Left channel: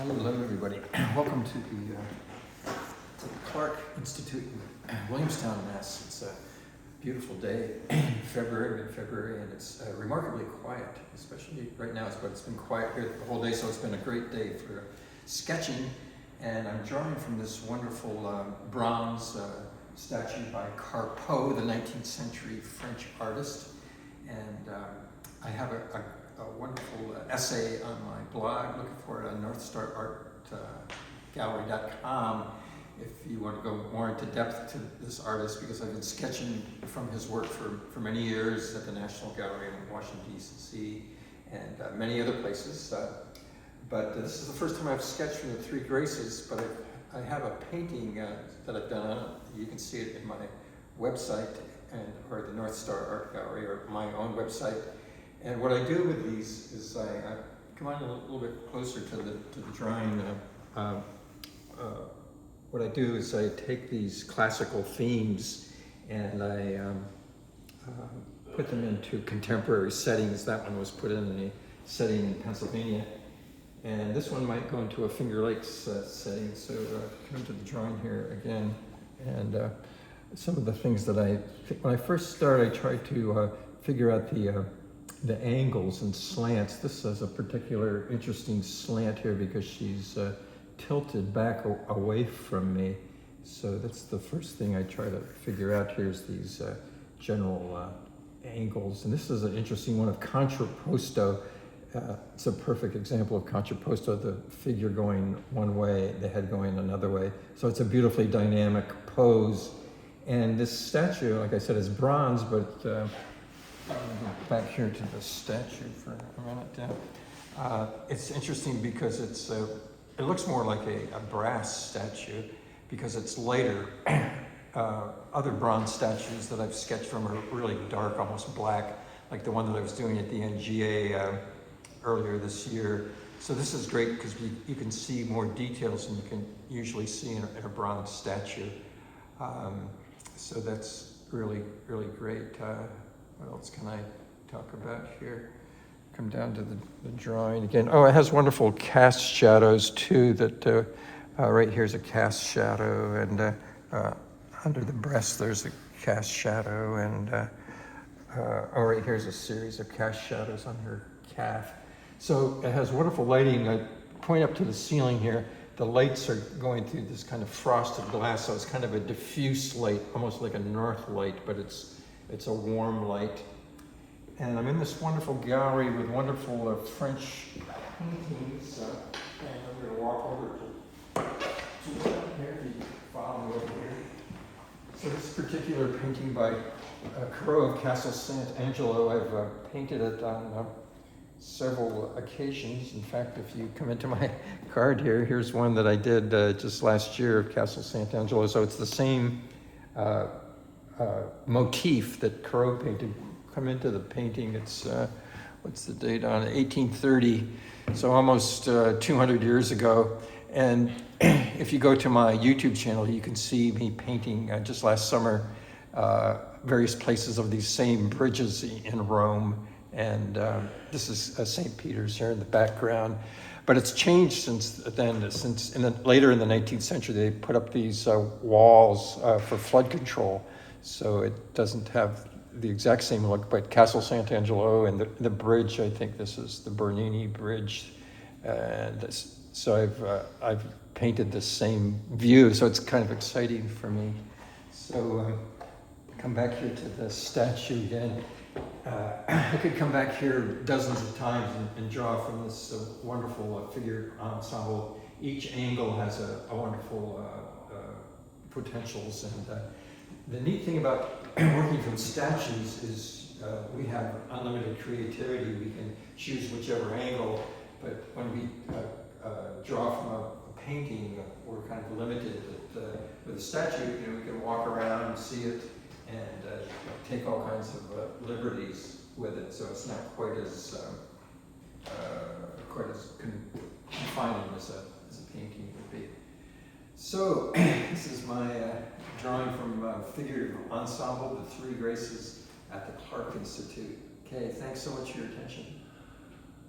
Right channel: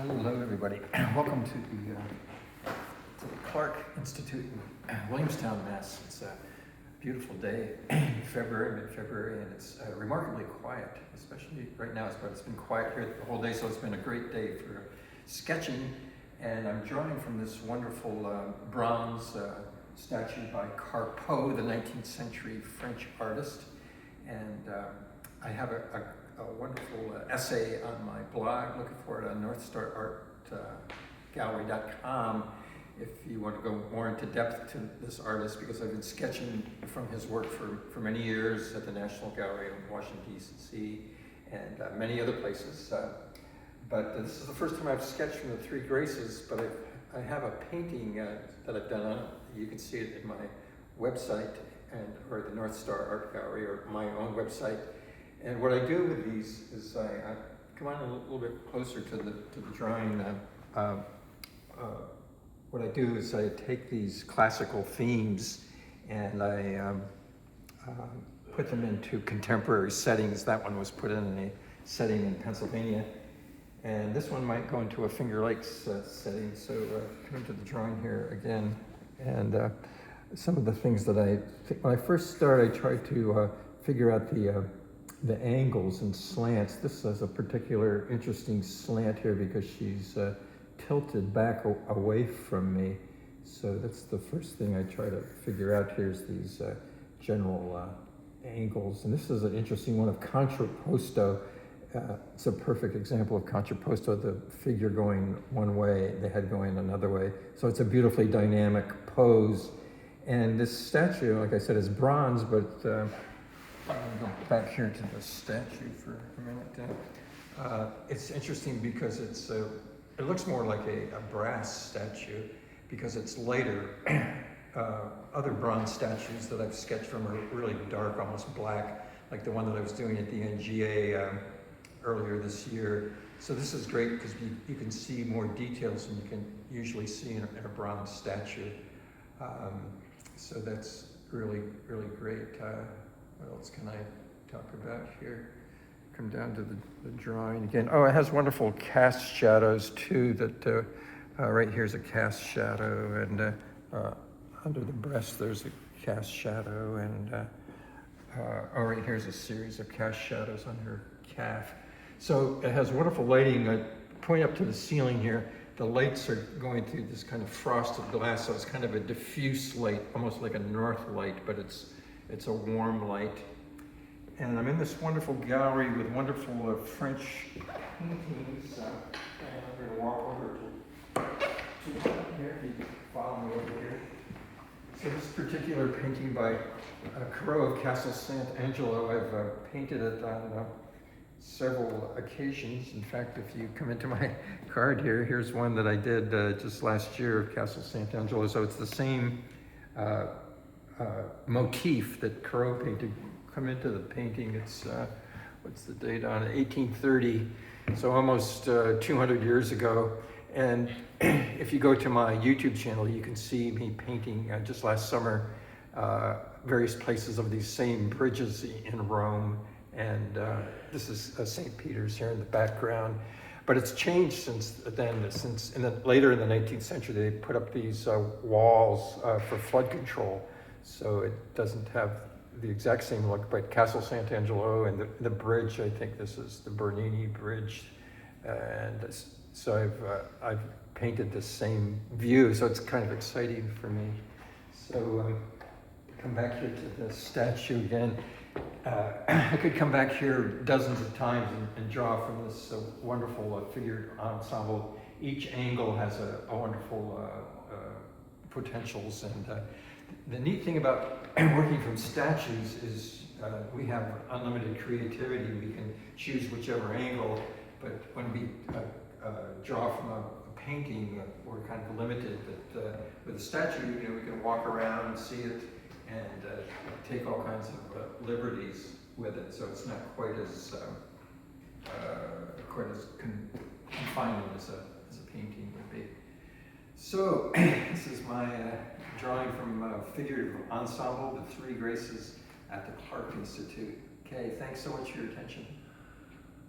Hello, everybody. Welcome to the Clark Institute in Williamstown, Mass. It's a beautiful day in mid-February, and it's remarkably quiet, especially right now. It's been quiet here the whole day, so it's been a great day for sketching. And I'm drawing from this wonderful bronze statue by Carpeaux, the 19th century French artist. And I have a wonderful essay on my blog. Looking for it on northstarartgallery.com if you want to go more into depth to this artist, because I've been sketching from his work for many years at the National Gallery in Washington, D.C. and many other places. But this is the first time I've sketched from the Three Graces, but I have a painting that I've done on it. You can see it in my website or the North Star Art Gallery or my own website. And what I do with these is I come on a little bit closer to the drawing. What I do is I take these classical themes and I put them into contemporary settings. That one was put in a setting in Pennsylvania, and this one might go into a Finger Lakes setting. So come to the drawing here again, and some of the things that when I first start, I try to figure out the angles and slants. This has a particular interesting slant here because she's tilted back away from me. So that's the first thing I try to figure out here is these general angles. And this is an interesting one of contrapposto. It's a perfect example of contrapposto, the figure going one way, the head going another way. So it's a beautifully dynamic pose. And this statue, like I said, is bronze, but I'm going to go back here to the statue for a minute. It's interesting because it looks more like a brass statue because it's lighter. Other bronze statues that I've sketched from are really dark, almost black, like the one that I was doing at the NGA earlier this year. So this is great because you can see more details than you can usually see in a bronze statue. So that's really, really great. What else can I talk about here? Come down to the drawing again. Oh, it has wonderful cast shadows too. That right here's a cast shadow, and under the breast there's a cast shadow, and right here's a series of cast shadows on her calf. So it has wonderful lighting. I point up to the ceiling here. The lights are going through this kind of frosted glass, so it's kind of a diffuse light, almost like a north light, but it's a warm light. And I'm in this wonderful gallery with wonderful French paintings. And I'm going to walk over to here, if you follow me over here. So this particular painting by Carpeaux of Castle Sant Angelo, I've painted it on several occasions. In fact, if you come into my card here, here's one that I did just last year at Castle Sant Angelo. So it's the same motif that Carpeaux painted. Come into the painting, it's, what's the date on it? 1830, so almost 200 years ago. And if you go to my YouTube channel, you can see me painting just last summer various places of these same bridges in Rome. And this is St. Peter's here in the background. But it's changed since then. Later in the 19th century, they put up these walls for flood control. So it doesn't have the exact same look, but Castle Sant Angelo and the bridge, I think this is the Bernini Bridge. And so I've painted the same view, so it's kind of exciting for me. So come back here to the statue again. I could come back here dozens of times and draw from this wonderful figure ensemble. Each angle has a wonderful potentials, and the neat thing about working from statues is we have unlimited creativity. We can choose whichever angle, but when we draw from a painting, we're kind of limited. But with a statue, we can walk around and see it and take all kinds of liberties with it. So it's not quite as confining as a painting would be. So this is my drawing from figurative ensemble, the Three Graces at the Clark Institute. Okay, thanks so much for your attention.